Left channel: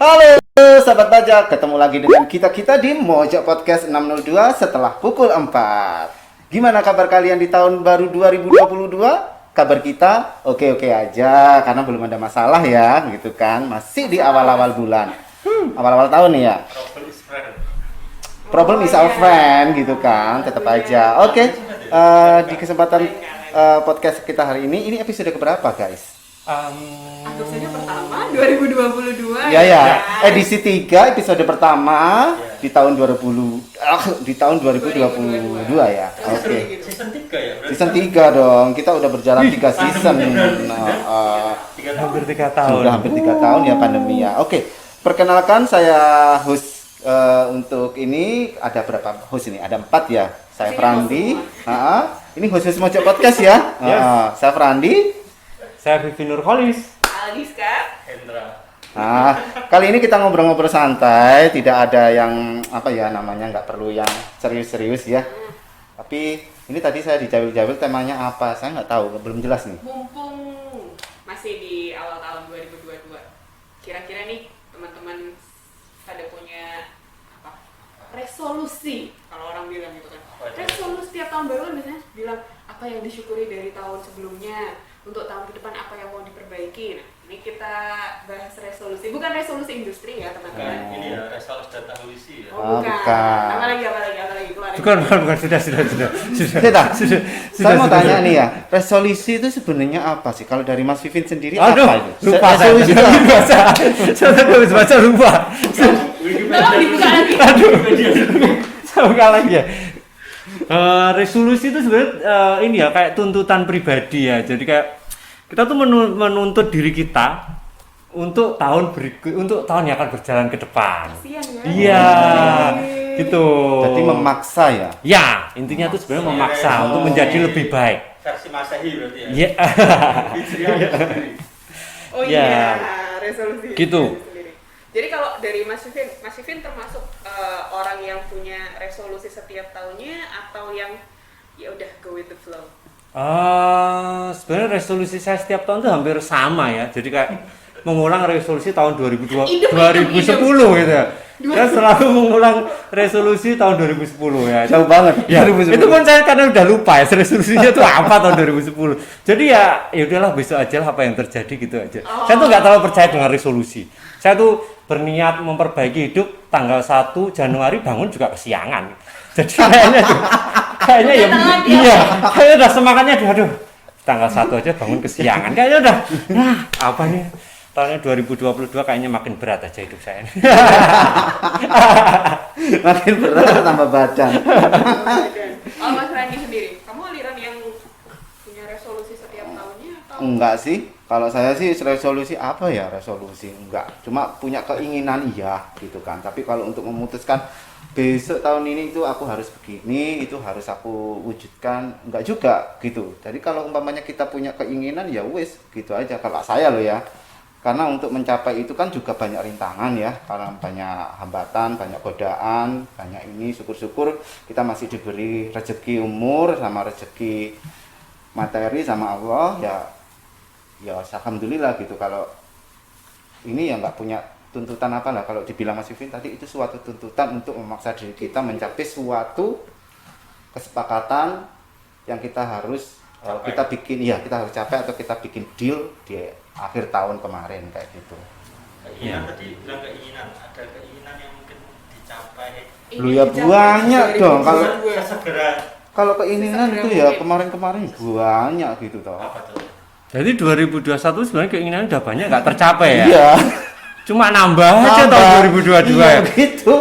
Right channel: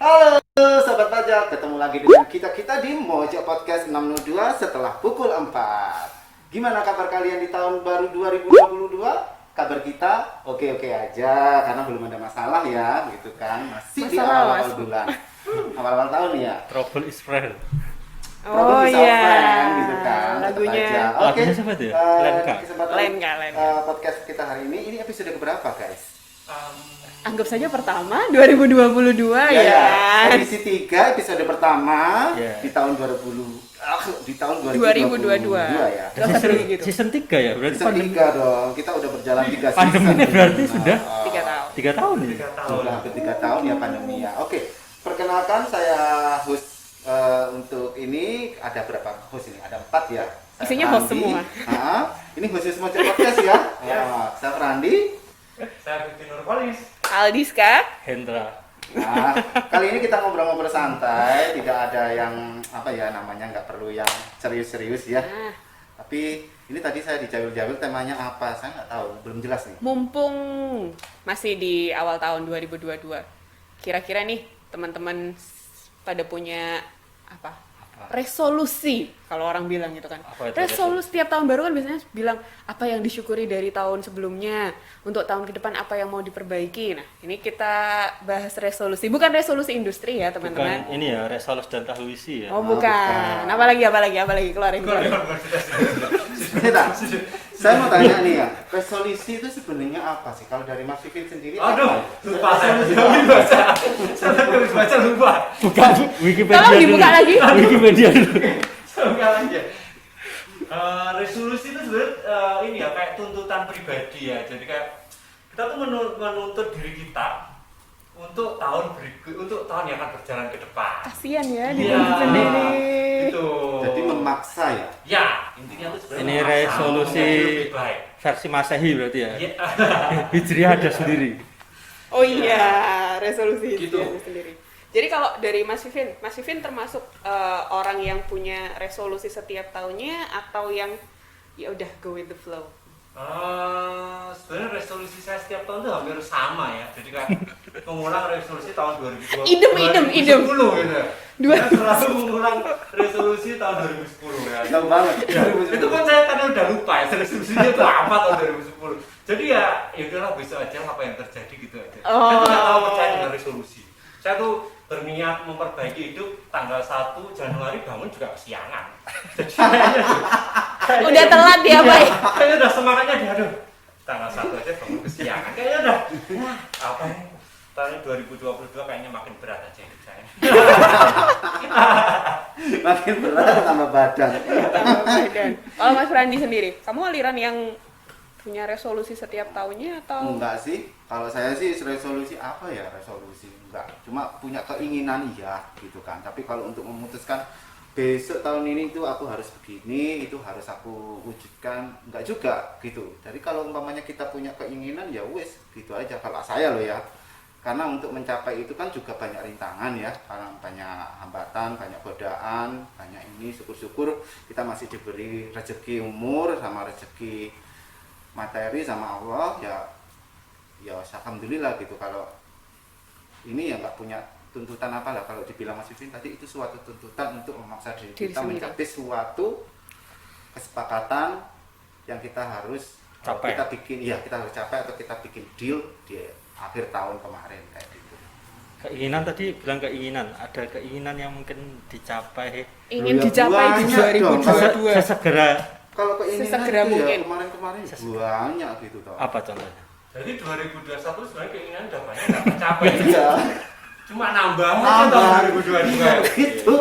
Halo sahabat Bajak, ketemu lagi dengan kita di Mojok Podcast 602 setelah pukul 4. Gimana kabar kalian di tahun baru 2022? Kabar kita oke-oke aja, karena belum ada masalah ya, gitu kan. Masih di awal-awal bulan, awal-awal tahun nih ya. Trouble is friend. Problem is our friend, gitu kan, tetap aja. Oke, di kesempatan podcast kita hari ini episode keberapa guys? Anggap saja pertama 2022 ya. Edisi 3 episode pertama di tahun 2022 ya. Season 3 ya berarti. Season 3 dong. Kita udah berjalan 3 season. Berarti sudah 3 tahun. Sudah hampir 3 tahun ya pandemi ya. Oke, perkenalkan saya host untuk ini ada berapa host ini? Ada 4 ya. Saya Frandi. Ini host Mojok Podcast ya. Saya Frandi. Saya Vivi Nurholis. Aldiska. Hendra. Nah, kali ini kita ngobrol-ngobrol santai, tidak ada yang nggak perlu yang serius-serius ya. Tapi ini tadi saya dijawil-jawil temanya apa, saya nggak tahu, belum jelas nih. Mumpung masih di awal tahun 2022, kira-kira nih teman-teman pada punya apa? Resolusi, kalau orang bilang itu kan. Resolusi tiap tahun baru kan biasanya bilang apa yang disyukuri dari tahun sebelumnya. Untuk tahun ke depan apa yang mau diperbaiki. Nah, ini kita bahas resolusi. Bukan resolusi industri ya, teman-teman. Bukan ini ya, resolusi dan tahulusi ya. Oh, bukan. Apa lagi keluar. Bukan, sudah. Saya mau tanya nih ya, resolusi itu sebenarnya apa sih? Kalau dari Mas Vivin sendiri Aduh, apa itu? lupa Resolusi saya. Saya habis baca lupa. Tolong dibuka lagi. Wikipedia dulu. Saya buka lagi ya. Resolusi itu sebenarnya ini ya kayak tuntutan pribadi ya. Jadi kayak kita tuh menuntut diri kita untuk tahun berikut, untuk tahun yang akan berjalan ke depan. Kasian ya. Iya. Gitu. Jadi memaksa ya. Ya, intinya tuh sebenarnya memaksa untuk menjadi lebih baik. Versi Masehi berarti ya. Iya. Hijriah ada sendiri. Oh Ya. iya, resolusi. Gitu. Jadi kalau dari Mas Vivin termasuk orang yang punya resolusi setiap tahunnya atau yang ya udah go with the flow? Sebenarnya resolusi saya setiap tahun tuh hampir sama ya. Jadi kayak mengulang resolusi tahun 2010 gitu ya. Saya selalu mengulang resolusi tahun 2010 ya. Jauh banget. Ya, itu pun saya karena udah lupa ya resolusinya itu apa tahun 2010. Jadi ya udahlah besok aja lah apa yang terjadi gitu aja. Saya tuh nggak terlalu percaya dengan resolusi. Saya tuh berniat memperbaiki hidup tanggal 1 Januari bangun juga kesiangan. Jadi kayaknya ya telat ya, iya, kayaknya udah semangatnya aduh tanggal 1 aja bangun kesiangan. Kayaknya udah apa nih? Tahunnya 2022 kayaknya makin berat aja hidup saya. Makin berat tambah badan. Kalau Mas Randi sendiri, kamu aliran yang punya resolusi setiap tahunnya atau? Enggak sih, kalau saya sih resolusi apa ya resolusi enggak, cuma punya keinginan iya gitu kan. Tapi kalau untuk memutuskan besok tahun ini itu aku harus begini, itu harus aku wujudkan, enggak juga gitu. Jadi kalau umpamanya kita punya keinginan ya wis gitu aja kalau saya loh ya. Karena untuk mencapai itu kan juga banyak rintangan ya, karena banyak hambatan, banyak godaan, banyak ini. Syukur-syukur kita masih diberi rezeki umur sama rezeki materi sama Allah ya alhamdulillah gitu. Kalau ini ya nggak punya tuntutan apa lah. Kalau dibilang Mas Vivin tadi itu suatu tuntutan untuk memaksa diri kita mencapai suatu kesepakatan yang kita harus kita bikin ya, kita harus capai atau kita bikin deal di akhir tahun kemarin kayak gitu. Keinginan tadi bilang keinginan, ada keinginan yang mungkin dicapai. Ya banyak dong kalau Segera. Kalau keinginan itu ya kemarin-kemarin banyak gitu toh. Apa contohnya? Jadi 2021 sebenarnya keinginan udah banyak nggak tercapai ya. Iya. Cuma nambah aja tahun 2022 iya, ya. gitu.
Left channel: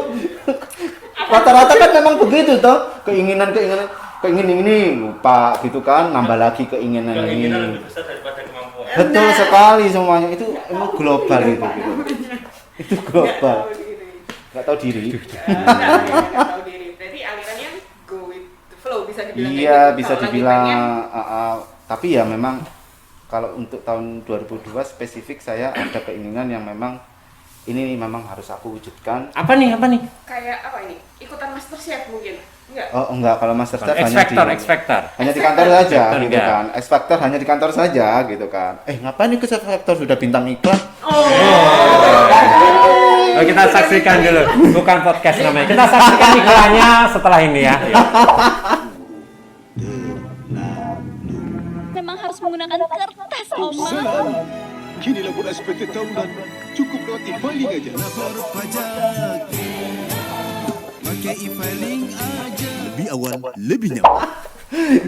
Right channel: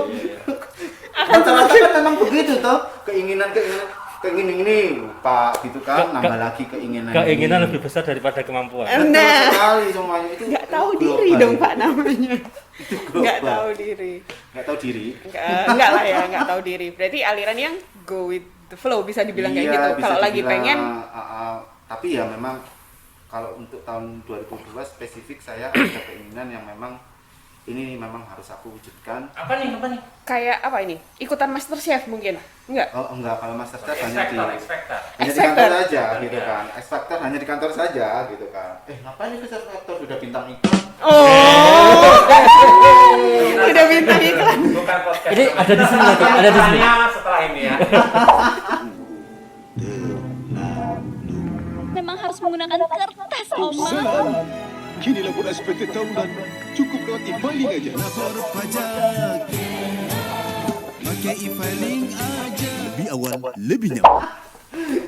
Rata-rata kan memang begitu toh. Keinginan ini lupa gitu kan, nambah lagi keinginan Keinginan ini. lebih besar daripada kemampuan. Betul sekali semuanya itu Nggak emang tahu global diri dong itu. Pak namanya. Itu Nggak global. tahu diri. Nggak tahu diri. Enggak lah ya, nggak tahu diri. Berarti aliran yang go with the flow bisa dibilang kayak Iya, gitu. bisa Kalau lagi dibilang pengen tapi ya memang kalau untuk tahun 2002 spesifik saya ada keinginan yang memang ini memang harus aku wujudkan. Apa nih? kayak apa ini? Ikutan MasterChef mungkin? Enggak. Oh enggak, kalau Masterchef X Factor. hanya di kantor saja Factor, gitu ya. kan. X Factor hanya di kantor saja gitu kan. Ngapain nih ke X Factor sudah bintang iklan? Oh. Sampaikan dulu, bukan podcast namanya. Kita sampaikan depannya setelah ini ya. Memang harus menggunakan kertas, Oma. Kini labur SPT tahunan cukup lewati filing aja. Lapor pajak pakai e-filing aja. Lebih awal, lebih nyaman.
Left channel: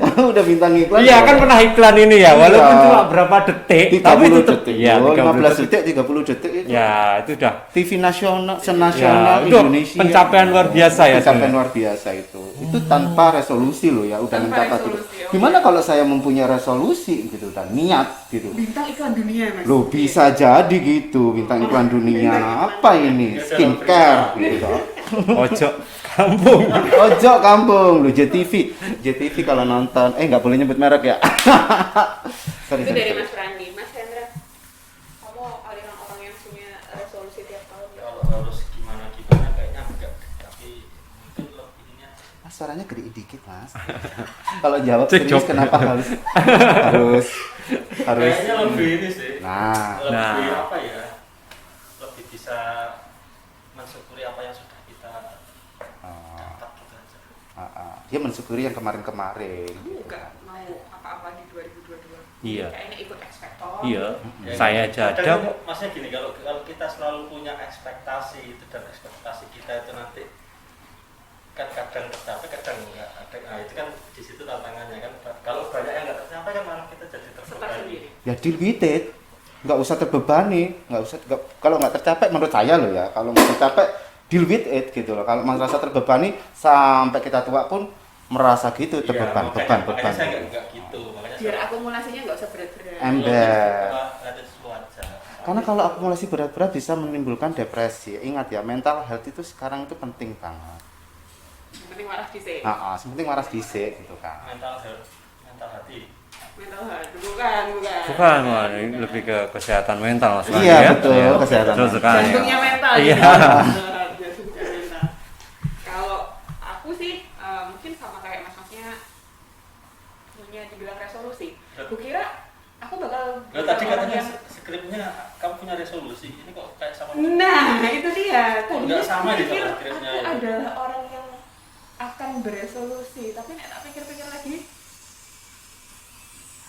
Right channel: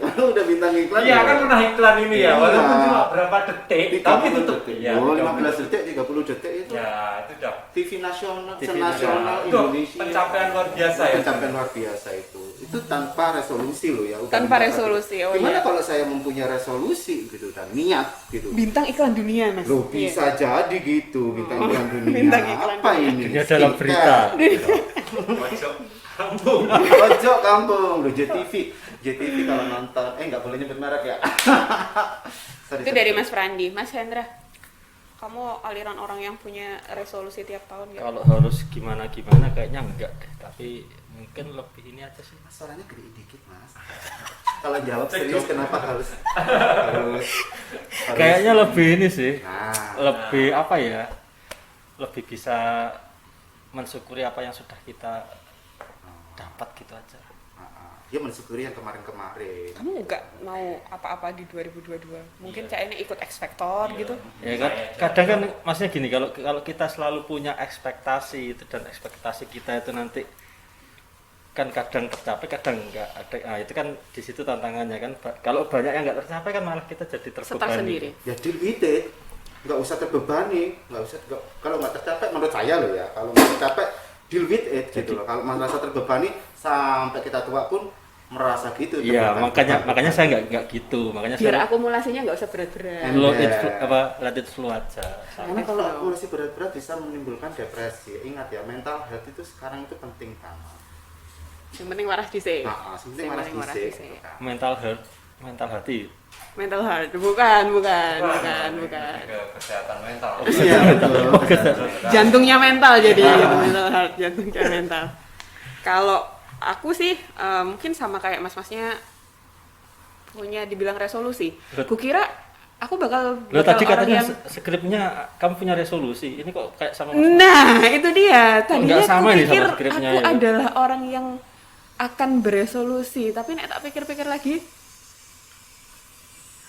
Udah bintang iklan. Iya kan pernah iklan ini ya, walaupun Iya. cuma berapa detik, 30 tapi tetap detik. ya 15 detik, 30 detik itu. Ya itu udah. TV nasional, Ya, senasional itu Indonesia. pencapaian luar biasa ya. Pencapaian luar biasa itu. Itu tanpa resolusi loh ya, udah Tanpa mencatat resolusi, itu. oh Gimana iya. kalau saya mempunyai resolusi gitu dan niat gitu. Bintang iklan dunia, Mas. Loh bisa jadi gitu, bintang iklan dunia Bintang iklan apa ini? Ya, dalam Skincare. Gitu. Ojo kampung. Ojo kampung, lu JTV kalau nonton, nggak boleh nyebut merek ya. Sorry, Itu sorry, dari sorry. Mas Frandi. Mas Hendra, kamu aliran orang yang punya resolusi tiap tahun ya? Kalau harus gimana kayaknya enggak, tapi mungkin lebih ini aja sih. Mas suaranya gede dikit mas. Kalau jawab Cek serius job. kenapa harus Kayaknya lebih ini sih. Nah, Lebih apa ya? Lebih bisa mensyukuri apa yang sudah kita dapat gitu aja. dia mensyukuri yang kemarin-kemarin. Kamu nggak mau apa-apa di 2022? Mungkin Iya. kayaknya ikut ekspektor Iya. gitu. Ya, Saya kan, aja kadang ada. kan maksudnya gini, kalau kita selalu punya ekspektasi itu dan ekspektasi kita itu nanti kan kadang tercapai kadang enggak ada. Nah itu kan di situ tantangannya kan. Kalau banyak yang enggak tercapai kan malah kita jadi Setar terbebani. sendiri. Ya deal with it. Nggak usah terbebani, kalau nggak tercapai menurut saya loh ya, kalau nggak tercapai deal with it gitu loh. Kalau merasa terbebani sampai kita tua pun merasa gitu Iya, terbebani. makanya saya enggak gitu. Makanya Biar saya akumulasinya nggak usah berat-berat. Em- let it flow aja. Karena kalau akumulasi berat-berat bisa menimbulkan depresi. Ingat ya, mental health itu sekarang itu penting banget. Yang penting waras dhisik. Penting waras Penting waras dhisik dhisik. gitu kan. mental health, mental hati. Mental health, bukan. Bukan, wah, ini bukan. lebih ke kesehatan mental Mas. Iya, betul, Oke, kesehatan betul mental. sekali. Jantungnya mental Iya. jadi mental health, jantungnya mental. Kalau aku sih mungkin sama kayak mas-masnya punya dibilang resolusi. Kukira aku bakal Lo tadi orang katanya yang skripnya kamu punya resolusi. Ini kok kayak sama Nah, itu dia. Tadinya Enggak sama aku nih sama pikir skripnya aku ya. adalah orang yang akan beresolusi, tapi nek tak pikir-pikir lagi,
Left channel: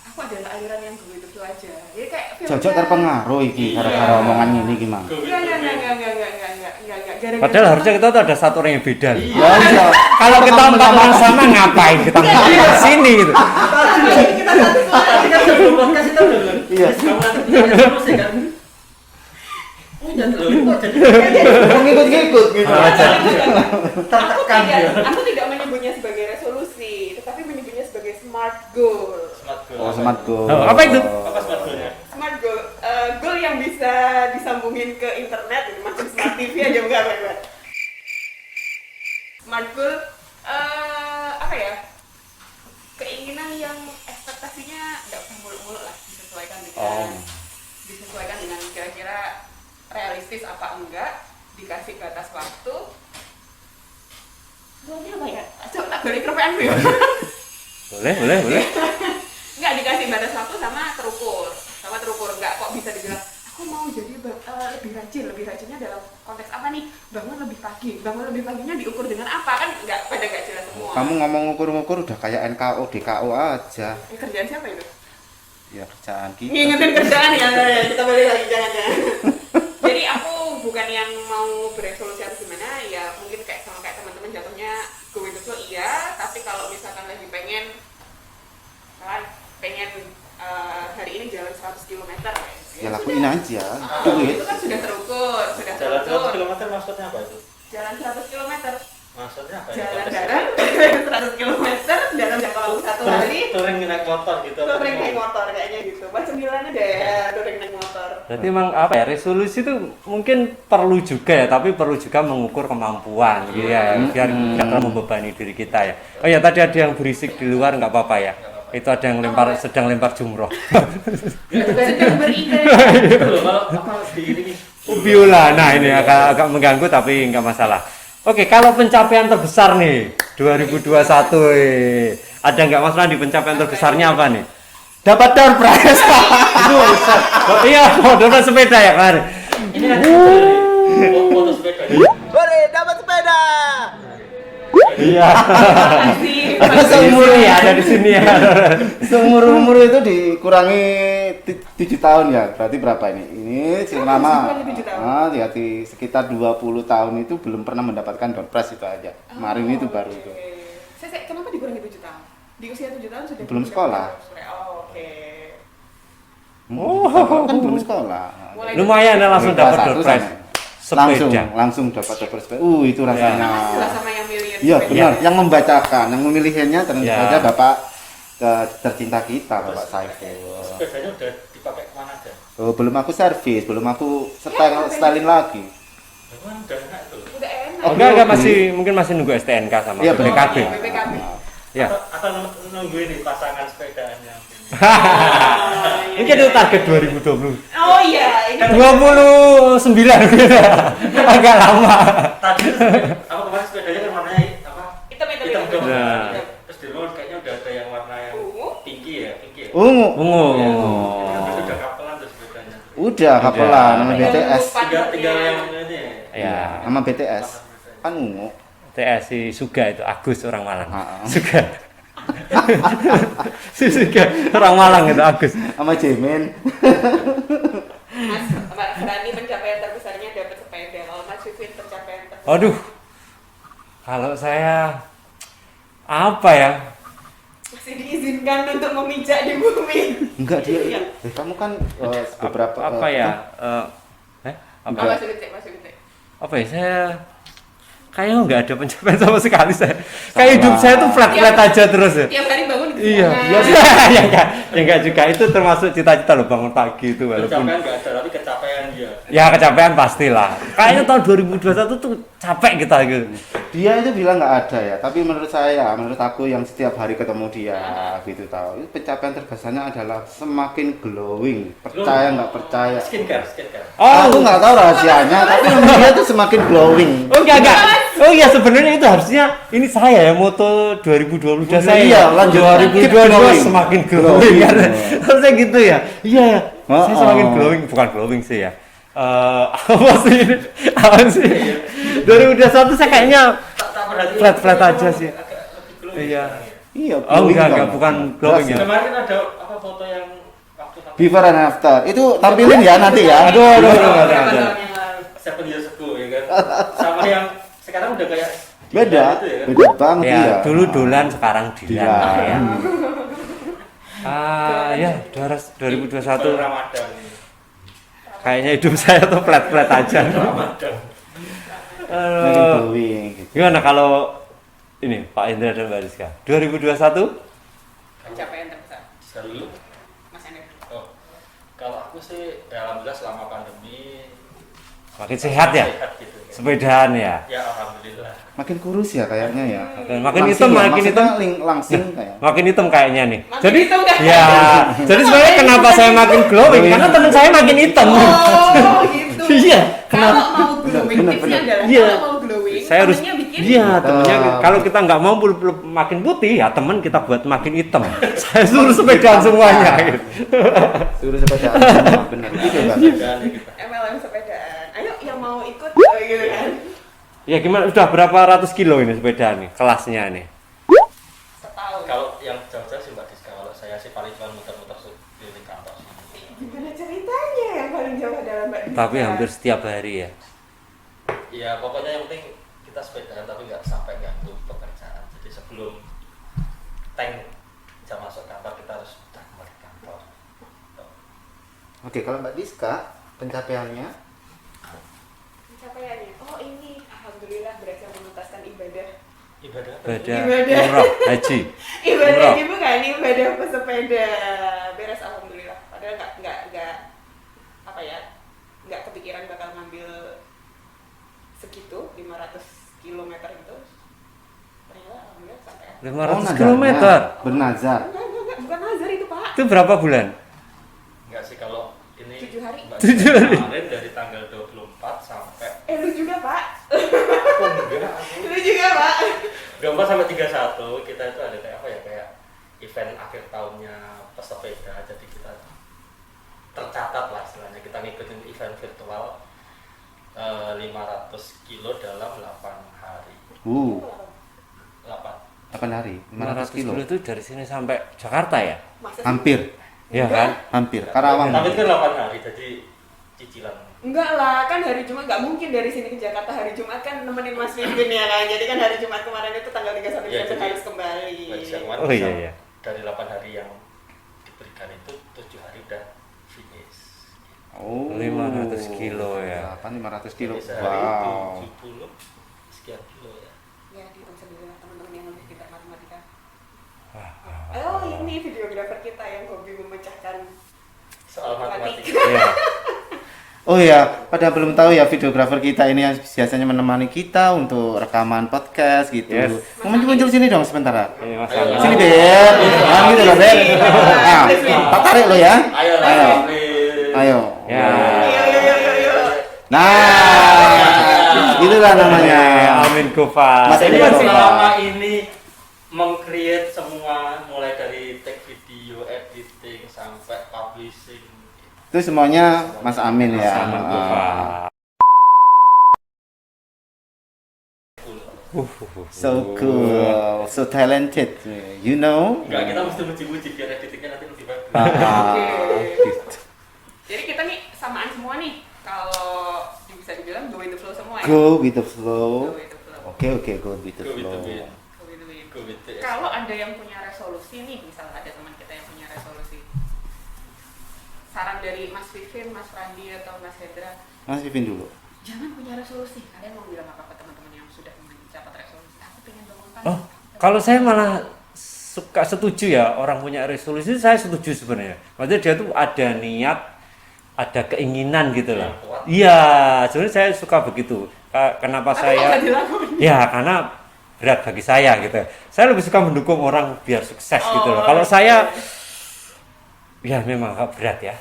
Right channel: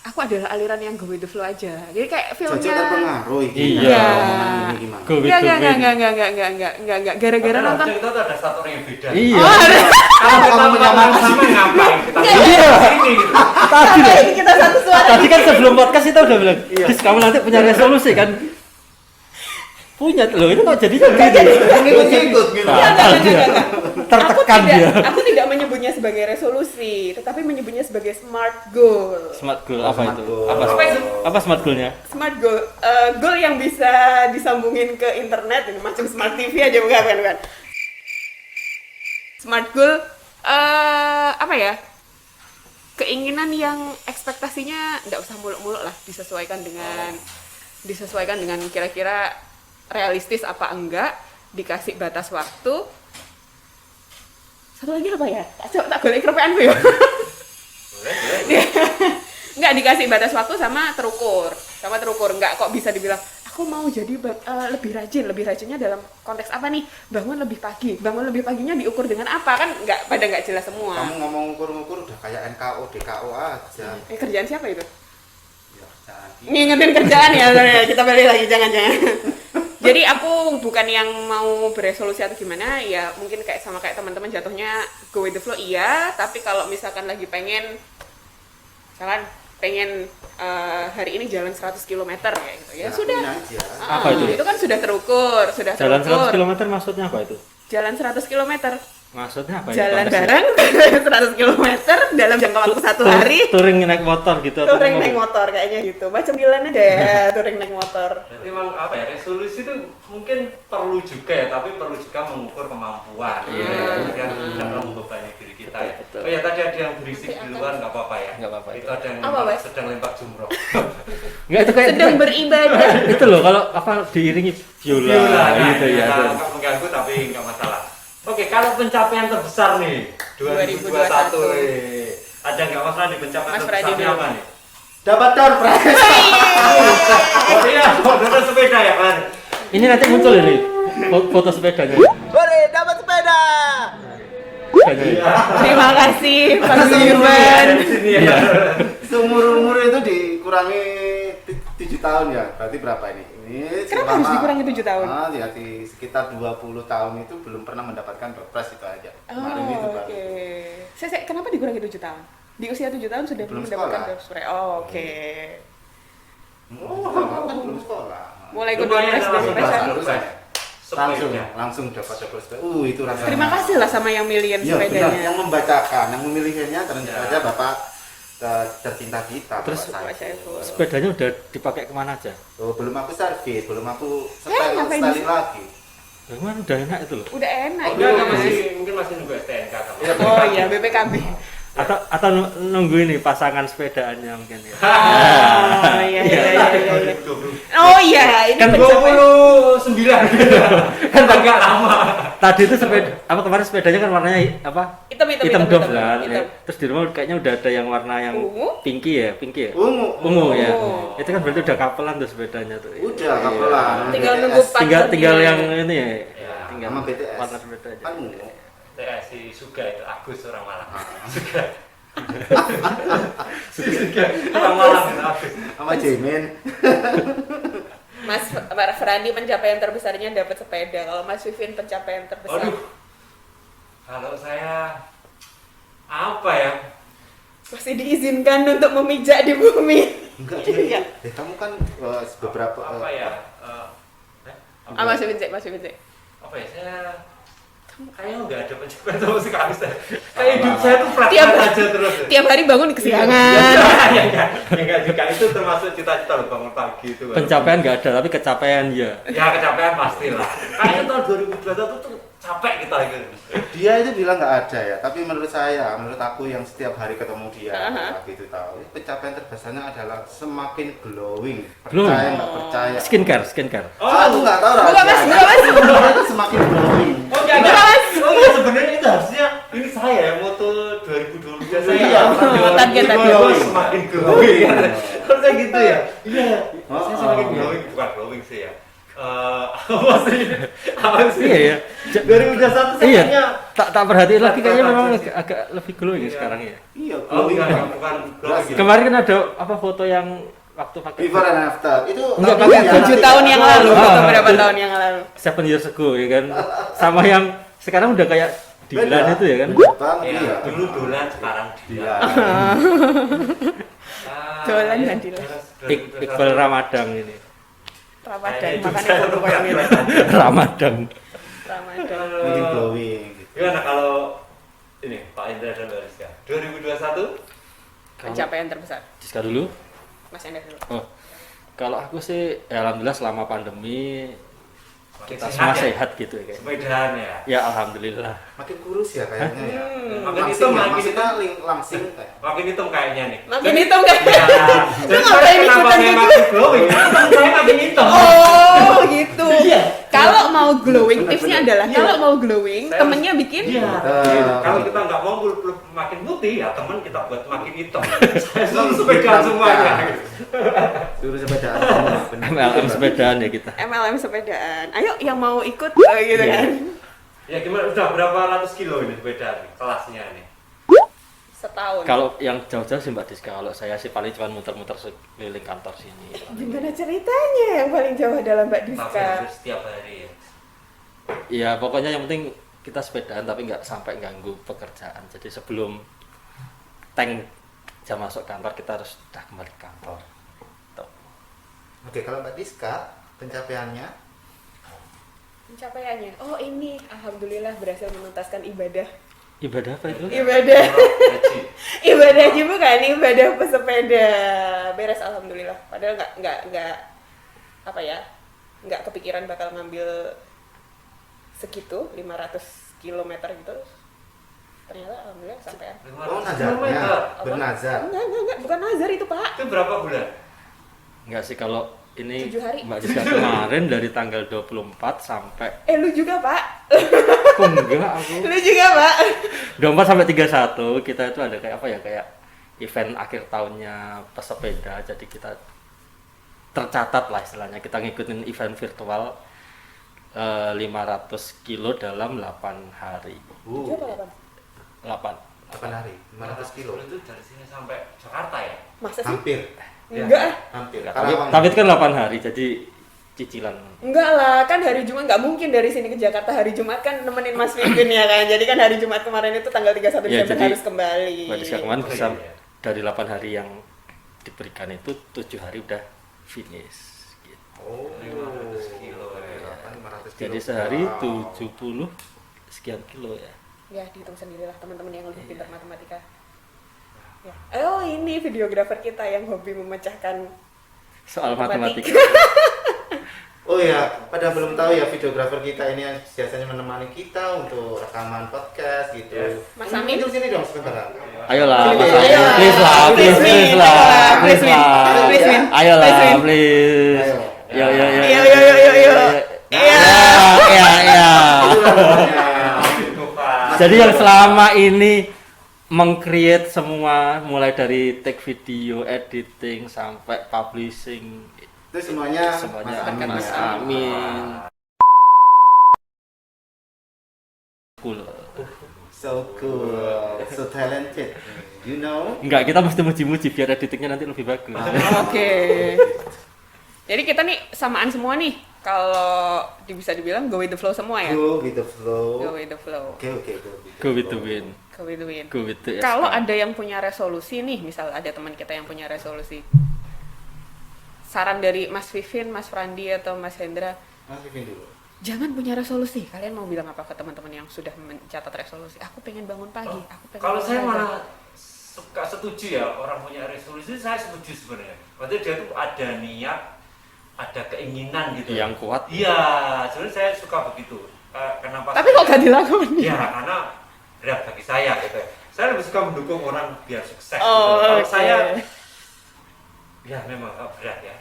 aku adalah aliran yang go with the flow aja. Jadi kayak filmnya. Cocok terpengaruh iki Iya. gara-gara omongan ini gimana? Go with Enggak, the enggak, wind. enggak. Gara-gara Padahal nonton- harusnya kita tuh ada satu orang yang beda. Iya. Kalau kita empat orang sama ngapain? Kita ke sini gitu. Ini kita satu suara. Tadi kan sebelum podcast kita udah bilang, "Chris, kamu nanti punya resolusi kan?" Punya loh, ini kok jadi Ngikut-ngikut gitu. Tertekan dia. Aku tidak menyebutnya sebagai resolusi, tetapi menyebutnya sebagai smart goal. smart goal Oh, apa smart itu? goal. Apa itu? Apa smart goalnya? Smart goal, goal yang bisa disambungin ke internet, gitu, macam smart TV aja bukan. Smart goal, apa ya? Keinginan yang ekspektasinya nggak usah muluk-muluk lah, disesuaikan dengan kira-kira realistis apa enggak, dikasih batas waktu. Satu lagi apa ya? Tak balik kerepean ya. Boleh. Nggak dikasih batas waktu sama terukur nggak kok bisa dibilang aku mau jadi lebih rajinnya dalam konteks apa nih, bangun lebih paginya diukur dengan apa, kan nggak jelas semua. Kamu ngomong ukur-ukur udah kayak NKO, DKO aja. Kerjaan siapa itu? Ya kerjaan kita. Ngingetin kerjaan ya, kita balik lagi jangan. Jadi aku bukan yang mau beresolusi atau gimana, ya mungkin sama kayak teman-teman jatuhnya go with the flow iya, tapi kalau misalkan lagi pengen hari ini jalan 100 km kayak gitu, ya sudah. Lakuin aja. Ah, itu kan sudah terukur, Jalan 100 km maksudnya apa itu? Jalan 100 km. Maksudnya apa? Jalan Konteksnya? bareng 100 km dalam jangka waktu satu hari. Touring naik motor gitu atau Touring gimana? naik motor kayaknya gitu. Macam Dilan aja ya, touring naik motor. Berarti emang apa ya, resolusi itu mungkin perlu juga ya, tapi perlu juga mengukur kemampuan ya, biar nggak terlalu membebani diri kita ya. Oh ya, tadi ada yang berisik di luar, nggak apa-apa ya. Nggak apa-apa. Itu ada yang sedang lempar jumroh. Enggak, itu kayak Sedang beribadah. gitu loh, kalau apa diiringi Biola. Nah, ini Iya, agak mengganggu tapi nggak masalah. Oke, kalau pencapaian terbesar nih 2021 ada nggak Mas Randi, pencapaian Mas terbesarnya Randi. apa nih? Dapat door prize. Oh iya, mau dapat sepeda ya, Mar. Ini nanti muncul ini. Foto sepedanya. Hore, dapat sepeda. Iya. Terima kasih. Seumur ya dari sini ya. Seumur umur itu dikurangi 7 tahun ya. Berarti berapa ini? Ini Kenapa harus selama dikurangi 7 tahun? Jadi sekitar 20 tahun itu belum pernah mendapatkan door prize itu aja. Kemarin itu baru. Oke. Kenapa dikurangi 7 tahun? Di usia 7 tahun sudah Belum mendapatkan sekolah. door prize. Oh, oke. Kan belum sekolah. Mulai Lumayan ikut langsung festival. dapat door prize. Sepeda. Langsung dapat door prize. Itu rasanya. Terima kasih lah sama yang milihin Iya, sepeda. benar. Yang membacakan, yang memilihnya ternyata Ya. saja Bapak tercinta kita, Terus Bapak Saiful. Sepedanya udah dipakai kemana aja? Oh, belum aku servis, belum aku ngapain setelin lagi. Memang udah enak itu loh. Udah enak. Oh, enggak mungkin masih nunggu STNK sama Iya, Oh BPKB. iya, BPKB. Ya. Atau nunggu ini pasangan sepedaannya mungkin ya. Oh, iya, Ini iya, target iya. 2020. Oh iya, ini Kan tercapai. 29 kan agak lama. Tadi itu apa kemarin sepedanya kan warnanya apa? Hitam dom kan. hitam. Terus di rumah kayaknya udah ada yang warna yang Ungu? pinky ya. Ungu. Ungu. Ya. Oh. Itu kan berarti udah kapelan tuh sepedanya tuh. Udah kapelan sama Tinggal BTS. nunggu Tinggal partnernya. yang ini ya. Ya. tinggal Sama BTS. partner sepedanya. Kan ungu. TS si Suga itu Agus orang Malang. Ha-ha. Suga. Si Suga orang Malang itu Agus. Sama Jemen. Mas Frani pencapaian terbesarnya dapat sepeda. Kalau Mas Vivin pencapaian terbesar. Aduh. Kalau saya apa ya? Masih diizinkan untuk memijak di bumi. Enggak Iya. dia. Kamu kan beberapa Apa ya? Apa? Mas Vivin. Apa ya? Saya kayaknya nggak ada pencapaian sama sekali saya. Kayak hidup saya tuh flat-flat aja terus ya. Tiap hari bangun kesiangan. Ya enggak juga itu termasuk cita-cita loh bangun pagi itu. walaupun- Pencapaian nggak ada tapi kecapaian ya. Ya kecapean pastilah. Kayaknya tahun 2021 tuh capek kita gitu. Dia itu bilang nggak ada ya, tapi menurut aku yang setiap hari ketemu dia gitu tahu. Ini pencapaian terbesarnya adalah semakin glowing. Percaya nggak percaya? Skincare. Aku nggak tahu rahasianya, tapi menurut dia itu semakin glowing. Oh enggak. Oh iya sebenarnya itu harusnya ini saya ya moto 2022 saya. Iya, kan lanjut. 2022 semakin glowing kan. Harusnya gitu ya. Iya. Oh, Saya semakin oh. glowing, bukan glowing sih ya. Apa sih ini? Apa sih? 2021 saya kayaknya Tak perhatiin Flat- lagi flat kayaknya aja memang sih. agak lebih glow ya Iya. sekarang ya. Iya. oh enggak glowing bukan banget. glowing ya. Kemarin kan ada apa foto yang waktu pakai Before and after itu tampilin ya nanti 7 ya. tahun yang lalu. Aduh. Beberapa tahun yang lalu. 7 years ago ya kan. Sama yang sekarang udah kayak Beda Dilan itu ya kan. Beda banget Ya, ya. dulu dolan sekarang Dilan. dilan. Dolan Ya, dan dilan. harus Iqbal 2021. Ramadan ini. Kayaknya hidup saya tuh flat-flat aja Ramadan. Semakin Kalau glowing gitu. gimana kalau ini Pak Indra dan Mbak Rizka 2021 Pencapaian terbesar. Diska dulu. Mas Enda dulu. Oh. Kalau aku sih ya alhamdulillah selama pandemi makin kita sehat semua ya, Sehat gitu ya. Kayak. sepedaan ya, Ya alhamdulillah. Makin kurus ya kayaknya ya. dan makin Langsing hitam, ya, makin maksudnya hitam, langsing kayak. makin hitam kayaknya nih. Makin Jadi hitam kan? ya, jadi sebenarnya kenapa saya makin glowing? Karena teman saya makin hitam. Oh, gitu. Iya. Kalau mau glowing, Bener, tipsnya bener. adalah Iya. kalau mau glowing, Saya harus temennya bikin. Iya, temennya Ah. kalau kita nggak mau makin putih ya teman kita buat makin hitam. Saya suruh sepedaan semuanya. Gitu. Suruh sepedaan semua, bener. Nah, sepedaan ya kita. MLM sepedaan. Ayo yang mau ikut gitu kan. Ya gimana? Udah berapa ratus kilo ini sepedaan nih kelasnya nih? Setahun. Kalau yang jauh-jauh sih Mbak Diska, kalau saya sih paling cuma muter-muter sekeliling kantor sini. Gimana ceritanya yang paling jauh adalah Mbak Diska? Tapi hampir setiap hari ya. Ya pokoknya yang penting kita sepedaan tapi nggak sampai ganggu pekerjaan. Jadi sebelum tank jam masuk kantor kita harus sudah kembali ke kantor. Tuh. Oke, kalau Mbak Diska pencapaiannya Pencapaiannya. Oh ini, alhamdulillah berhasil menuntaskan ibadah. Ibadah apa itu? Ibadah. Umroh, haji. Ibadah Umroh. haji bukan, ibadah pesepeda. Beres alhamdulillah. Padahal nggak apa ya? Nggak kepikiran bakal ngambil segitu 500 km gitu. Ternyata alhamdulillah sampai. 500 kilometer. bernazar. Enggak, bukan nazar itu, Pak. Itu berapa bulan? Enggak sih kalau ini 7 hari. Mbak Diska kemarin dari tanggal 24 sampai Lu juga, Pak. kok enggak aku. Lu juga, Pak. 24 sampai 31 kita itu ada kayak apa ya, kayak event akhir tahunnya pesepeda. Jadi kita tercatat lah istilahnya, kita ngikutin event virtual 500 kilo dalam 8 hari. 8. 8 hari, 500 kilo. itu dari sini sampai Jakarta ya? Masa sih? Hampir, Ya Enggak. kan? hampir. Karawang. Tapi itu kan 8 hari, jadi cicilan. Enggak lah, kan hari Jumat nggak mungkin dari sini ke Jakarta hari Jumat kan nemenin Mas Pipin ya kan. Jadi kan hari Jumat kemarin itu tanggal 31 Ya, Desember jadi harus kembali. Berarti kemarin Oh, bisa iya. dari 8 hari yang diberikan itu 7 hari udah finish. Gitu. Oh, 500 kilo ya. Kan 500 kilo. Jadi sehari Wow. 70 sekian kilo ya. Ya dihitung sendirilah teman-teman yang lebih pintar matematika. Oh ini videografer kita yang hobi memecahkan Soal matematika. Oh iya, pada belum tahu ya videografer kita ini yang biasanya menemani kita untuk rekaman podcast gitu. Yes. Kamu muncul sini dong sebentar. Ayolah. Sini deh ya. Please lah, please lah. Please, please. Tarik lu ya. Ayolah, please. Ayo. Ya. Yo. Nah, itulah namanya. Amin Kufa. Jadi yang selama ini meng-create semua mulai dari take video, editing sampai publishing Itu semuanya Semuanya Mas Amin Mas ya. Amin. Wah, full. so cool, so talented. You know? Enggak, kita mesti muji-muji biar editingnya nanti lebih bagus. Oke. Jadi kita nih samaan semua nih. Kalau bisa dibilang go with the flow semua ya. Go with the flow. Go with the flow. Oke, go with the Go with the flow. wind. Go with the wind. Go with the Kalau SK. ada yang punya resolusi nih, misal ada teman kita yang punya resolusi. Saran dari Mas Vivin, Mas Frandi atau Mas Hendra, Mas Vivin dulu. jangan punya resolusi. Kalian mau bilang apa ke teman-teman yang sudah mencatat resolusi? Aku pengen bangun pagi. Oh, aku pengen kalau saya bangun malah pagi." setuju ya orang punya resolusi, saya setuju sebenarnya. Maksudnya dia tuh ada niat, ada keinginan gitu. Yang kuat. Iya, sebenarnya saya suka begitu. Kenapa Tapi saya? kok gak dilakukan? Ya karena berat bagi saya gitu. Saya lebih suka mendukung orang biar sukses gitu. Oh, Kalau oke. saya, ya memang agak berat ya.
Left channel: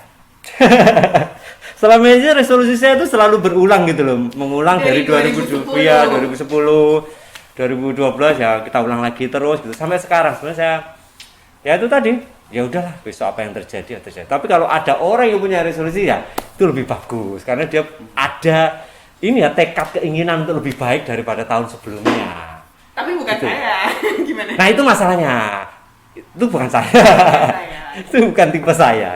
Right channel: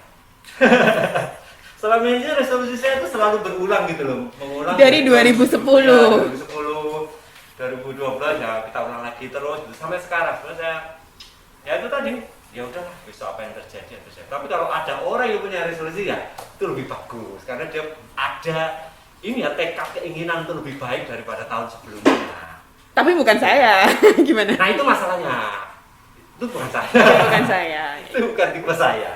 Selama ini resolusi saya itu selalu berulang gitu loh, mengulang Dari 2010, 2010. ya, 2010, 2012 ya kita ulang lagi terus gitu sampai sekarang. Sebenarnya saya ya itu tadi, ya udahlah besok apa yang terjadi ya terjadi. Tapi kalau ada orang yang punya resolusi ya itu lebih bagus karena dia ada ini ya tekad keinginan untuk lebih baik daripada tahun sebelumnya. Tapi bukan saya. Gimana? Nah itu masalahnya, itu bukan saya. Bukan saya. Itu bukan tipe saya.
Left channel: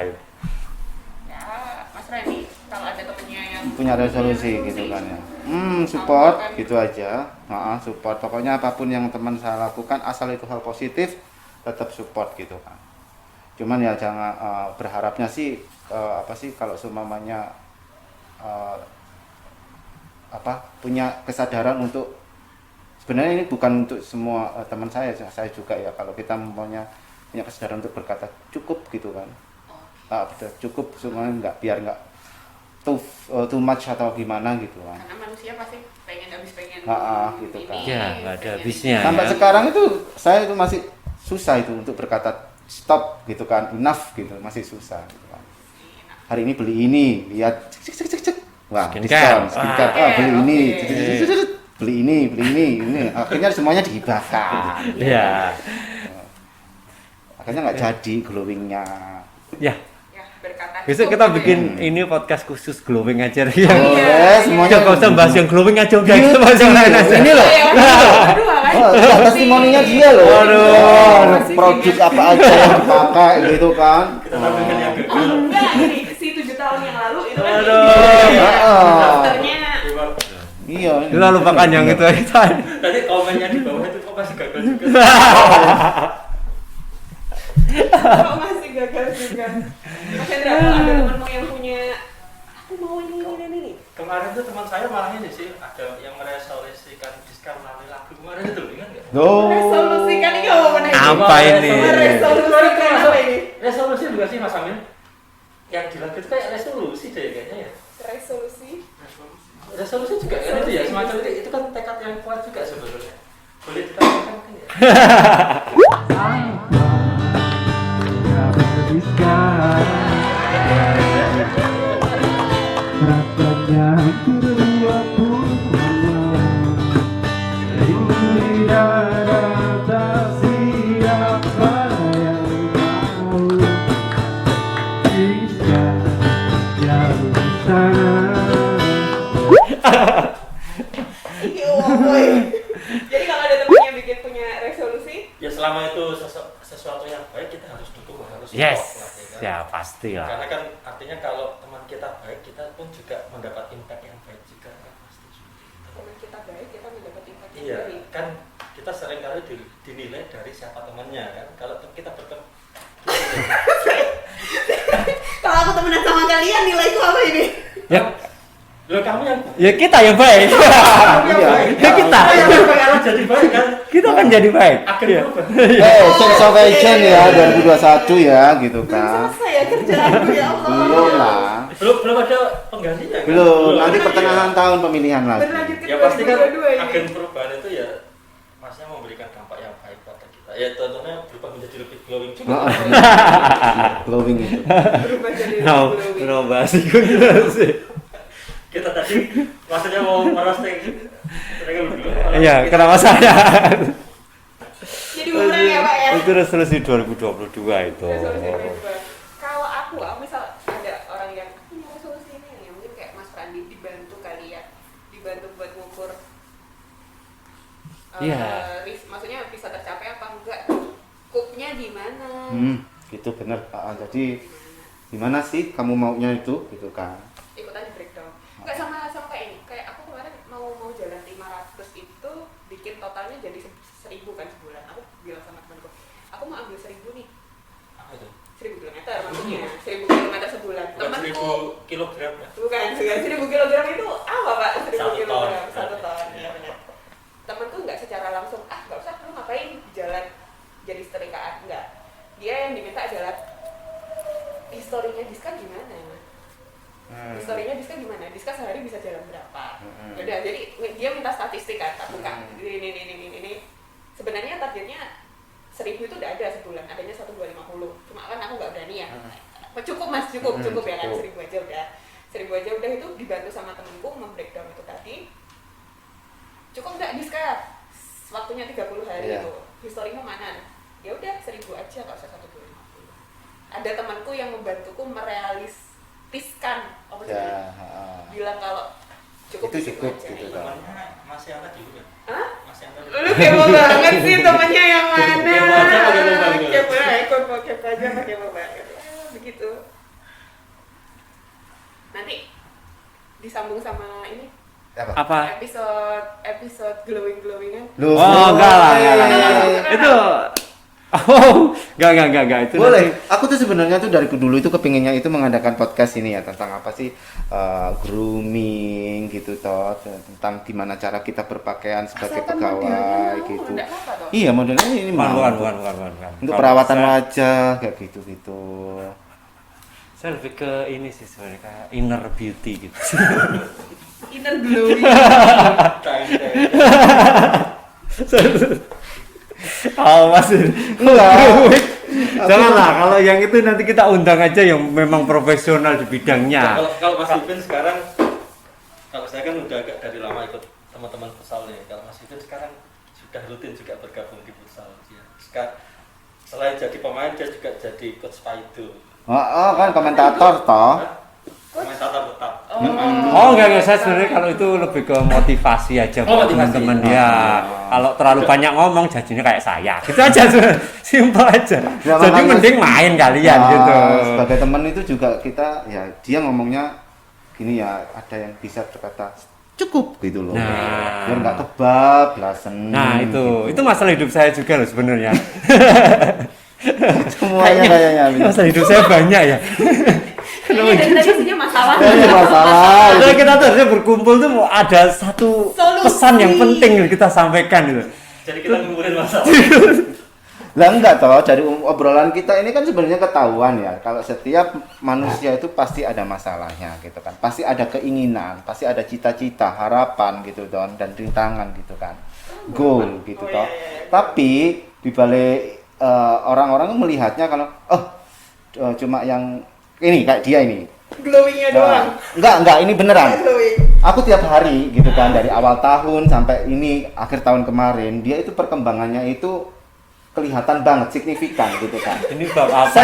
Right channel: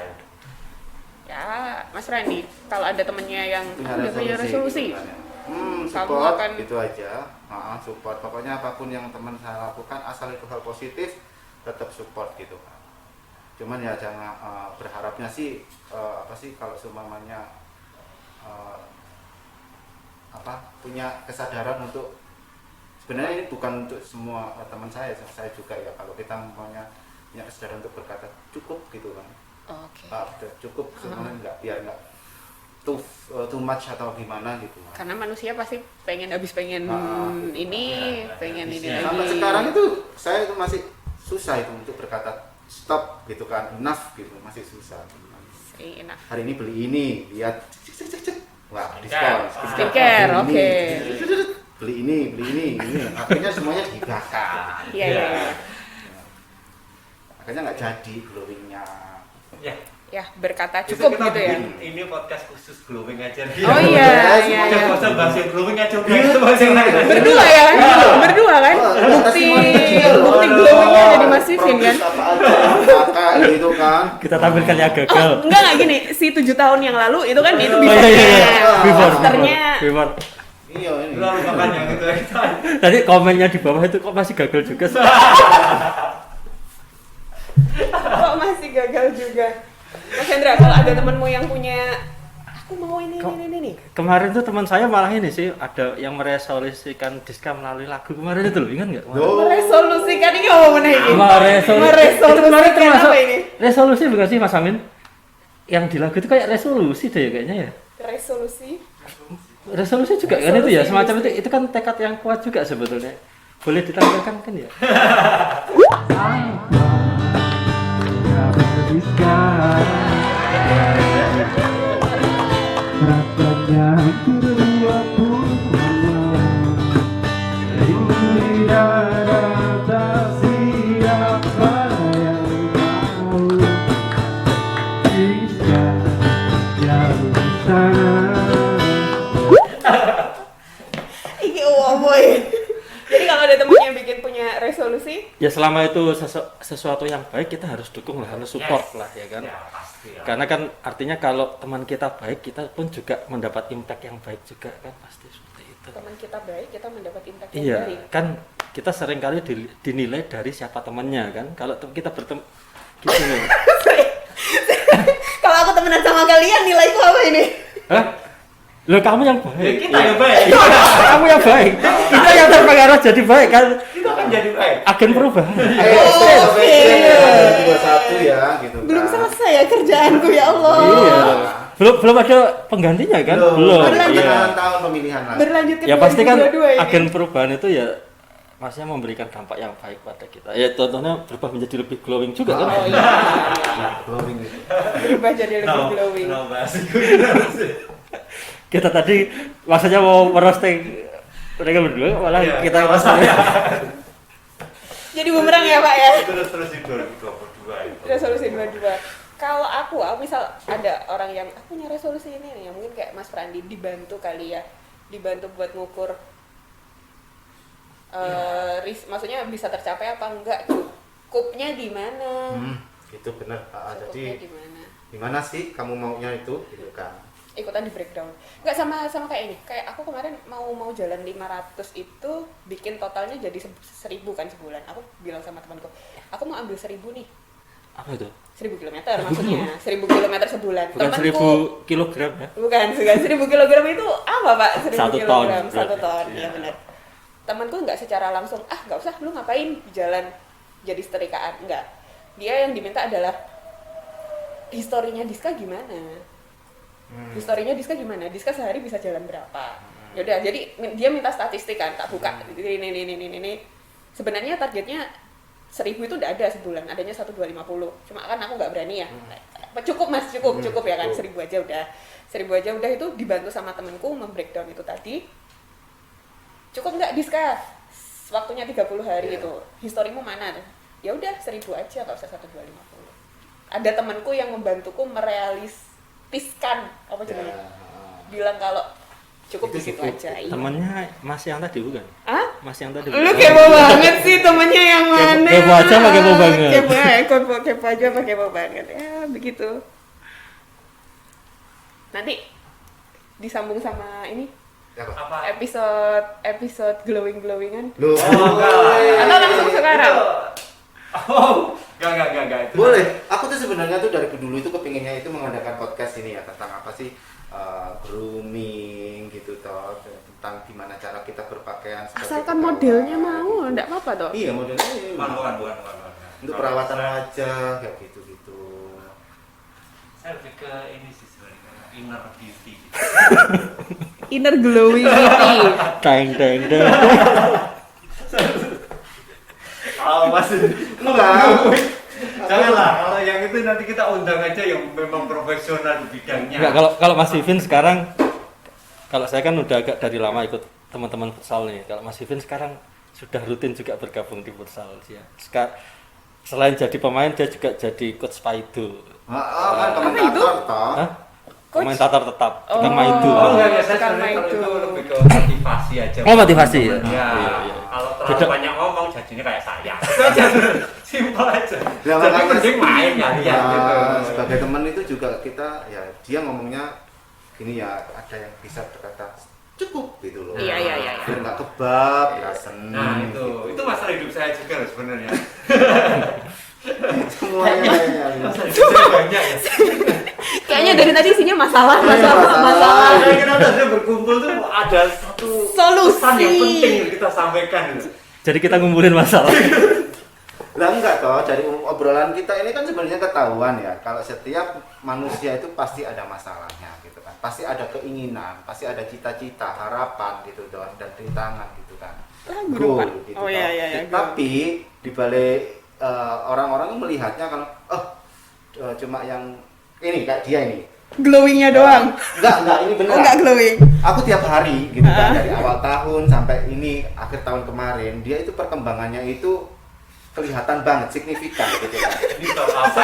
Ya, Mas Rani, kalau ada temennya yang Punya resolusi gitu kan ya. Support Kamu akan- gitu aja. Support. Pokoknya apapun yang teman saya lakukan asal itu hal positif tetap support gitu kan. Cuman ya jangan berharapnya sih apa sih kalau seumpamanya punya kesadaran untuk sebenarnya ini bukan untuk semua teman saya juga ya kalau kita punya kesadaran untuk berkata cukup gitu kan. Oke. Cukup semuanya nggak biar nggak too much atau gimana gitu kan. Karena manusia pasti pengen Gitu ini, kan. Ya, nggak ada pengen habisnya. ini. Sampai sekarang itu saya itu masih susah itu untuk berkata stop gitu kan, enough gitu masih susah gitu kan. Enak. Hari ini beli ini, lihat cek. Wah, Skincare. skincare. Skincare, Beli ini, oke. beli ini. Akhirnya semuanya dihibahkan. Iya. Akhirnya nggak jadi glowingnya. Ya, Ya, berkata cukup. besok kita gitu bikin ya. ini podcast khusus glowing aja. Oh iya. semuanya. Jangan usah bahas yang glowing aja udah kita bahas yang lain aja. Berdua ya, berdua kan? Testimoninya dia loh. Mas Vivin Produk ya. apa aja yang pakai gitu kan. Kita tampilkan yang Oh, gagal. enggak gini, si 7 tahun yang lalu itu kan itu Aduh. bisa. Before. Posternya Bimar. Iya. Kita lupakan yang itu aja. Tadi komennya di bawah itu kok masih gagal juga. kok masih gagal juga. Mas Hendra, kalau ada temenmu yang punya aku mau ini. Kemarin tuh teman saya malah ini sih ada yang meresolusikan diskon melalui lagu kemarin itu loh, ingat nggak? No. Resolusikan ini apa benar ini? Apa ini? Meresolusikan apa ini? Resolusi bukan sih Mas Amin? Yang di lagu itu kayak resolusi deh ya kayaknya ya. Resolusi juga kan itu ya semacam itu kan tekad yang kuat juga sebetulnya. Boleh ditampilkan kan ya? Jadi kalau ada temen yang bikin punya resolusi, Ya selama itu sesuatu yang baik kita harus dukung lah, harus support lah ya kan. Ya pasti lah. Karena kan artinya kalau teman kita baik, kita pun juga mendapat impact yang baik juga kan, pasti seperti itu. teman kita baik, kita mendapat impact yang Iya, baik. kan kita sering kali dinilai dari siapa temannya kan. Kalau kita bertemu gitu loh. Kalau aku temenan sama kalian, nilaiku apa ini? Loh kamu yang baik. Ya kita yang baik. Kamu yang baik. Ya kita yang berpengaruh jadi baik kan. Kita akan jadi baik. Agen perubahan. Congratulations ya 2021 ya gitu Belum kan. selesai ya kerjaanku ya Allah. Iya. Belum ada penggantinya kan? Belum. Ada pertengahan tahun pemilihan lagi. Berlanjut ke Ya pasti kan 2022 ini. agen perubahan itu ya maksudnya memberikan dampak yang baik pada kita. Ya contohnya berubah menjadi lebih glowing juga kan. Glowing itu. Berubah jadi lebih glowing. No bahas itu sih. Kita tadi maksudnya mau merosting mereka berdua malah Iya, kita kenapa saya? Jadi bumerang ya Pak ya. Itu resolusi 2022 itu. Resolusi 2022. Kalau aku misal ada orang yang aku punya resolusi ini nih, mungkin kayak Mas Prandi dibantu kali ya, dibantu buat ngukur Iya. maksudnya bisa tercapai apa enggak, cupnya di mana, Gitu bener. Jadi cupnya di mana. gimana sih kamu maunya itu gitu kan. Ikutan di breakdown. Enggak sama kayak ini. Kayak aku kemarin mau jalan 500 itu bikin totalnya jadi 1.000 kan sebulan. Aku bilang sama temanku, aku mau ambil 1.000 nih. apa itu? 1.000 kilometer maksudnya. 1.000 kilometer sebulan. Bukan 1.000 kilogram ya? Bukan 1.000 kilogram itu apa Pak? 1.000 1 ton, kilogram, 1 berarti. ton, ya benar. Temanku nggak secara langsung, nggak usah, lu ngapain jalan jadi setrikaan, enggak. Dia yang diminta adalah historinya Diska gimana? Historinya Diska gimana? Diska sehari bisa jalan berapa? Yaudah, jadi dia minta statistik kan, tak buka ini. Sebenarnya targetnya 1.000 itu udah ada sebulan, adanya 1.250. Cuma kan aku nggak berani ya. Cukup Mas, cukup ya kan, 1.000 aja udah. 1.000 aja udah, itu dibantu sama temenku membreakdown itu tadi. Cukup nggak Diska? Waktunya 30 hari itu. Historimu mana? Ya udah 1.000 aja, nggak usah 1.250. Ada temanku yang membantuku merealistiskan apa sih? Ya. Bilang kalau cukup Itu di situ cukup. aja. Iya. Temannya Mas yang tadi bukan? Hah? Mas yang tadi. Lu kepo banget sih temennya yang mana? Kepo aja apa kepo banget? Kepo aja apa kepo banget? Ya begitu. Nanti disambung sama ini Apa? episode glowingan. Lu. Oh, enggak lah. Atau langsung sekarang? Itu enggak itu. Boleh. nanti- Aku tuh sebenarnya tuh dari dulu itu kepinginnya itu mengadakan podcast ini ya tentang apa sih grooming gitu toh, tentang gimana cara kita berpakaian sebagai Asalkan pegawai modelnya mau, gitu. enggak apa-apa toh. Iya modelnya ini mau. Bukan. Untuk Kalau perawatan saya- wajah kayak gitu. Saya lebih ke ini sih sebenarnya kayak inner beauty gitu. Inner glowing. Teng. Oh masih. Janganlah kalau yang itu nanti kita undang aja yang memang profesional di bidangnya. Nah, kalau Mas Vivin sekarang, kalau saya kan udah agak dari lama ikut teman-teman futsal nih. Kalau Mas Vivin sekarang sudah rutin juga bergabung di futsal dia. Selain jadi pemain dia juga jadi coach Paido. Oh, kan komentator toh. Hah? Komentator tetap Oh. dengan Maido. Oh enggak, saya sebenarnya kalau itu lebih ke motivasi aja. Oh, motivasi. Teman-teman. Oh, Ya, iya. kalau terlalu Itu- banyak ngomong jadinya kayak saya. Itu aja sebenarnya. Simpel aja. Nah, Jadi makanya- mending main kalian Nah, gitu. Sebagai teman itu juga kita ya dia ngomongnya gini ya, ada yang bisa berkata cukup gitu loh. Nah. Biar nggak kebab, biar seneng. Nah, itu masalah hidup saya juga loh sebenarnya. semuanya kayaknya. Masalah hidup saya banyak ya. Kayaknya dari tadi isinya masalah. Iya, masalah. Kalau kita tadi berkumpul tuh mau ada satu Solusi. pesan yang penting yang kita sampaikan gitu. Jadi kita ngumpulin masalah. Lah enggak toh, dari obrolan kita ini kan sebenarnya ketahuan ya, kalau setiap manusia itu pasti ada masalahnya gitu kan. Pasti ada keinginan, pasti ada cita-cita, harapan gitu don dan rintangan gitu kan. Goal gitu Oh, toh. iya, Tapi dibalik orang-orang melihatnya kalau cuma yang ini kayak dia ini. Glowingnya doang. Enggak, ini beneran. Enggak glowing. Aku tiap hari gitu kan dari awal tahun sampai ini akhir tahun kemarin, dia itu perkembangannya itu kelihatan banget signifikan gitu kan. Ini bab apa?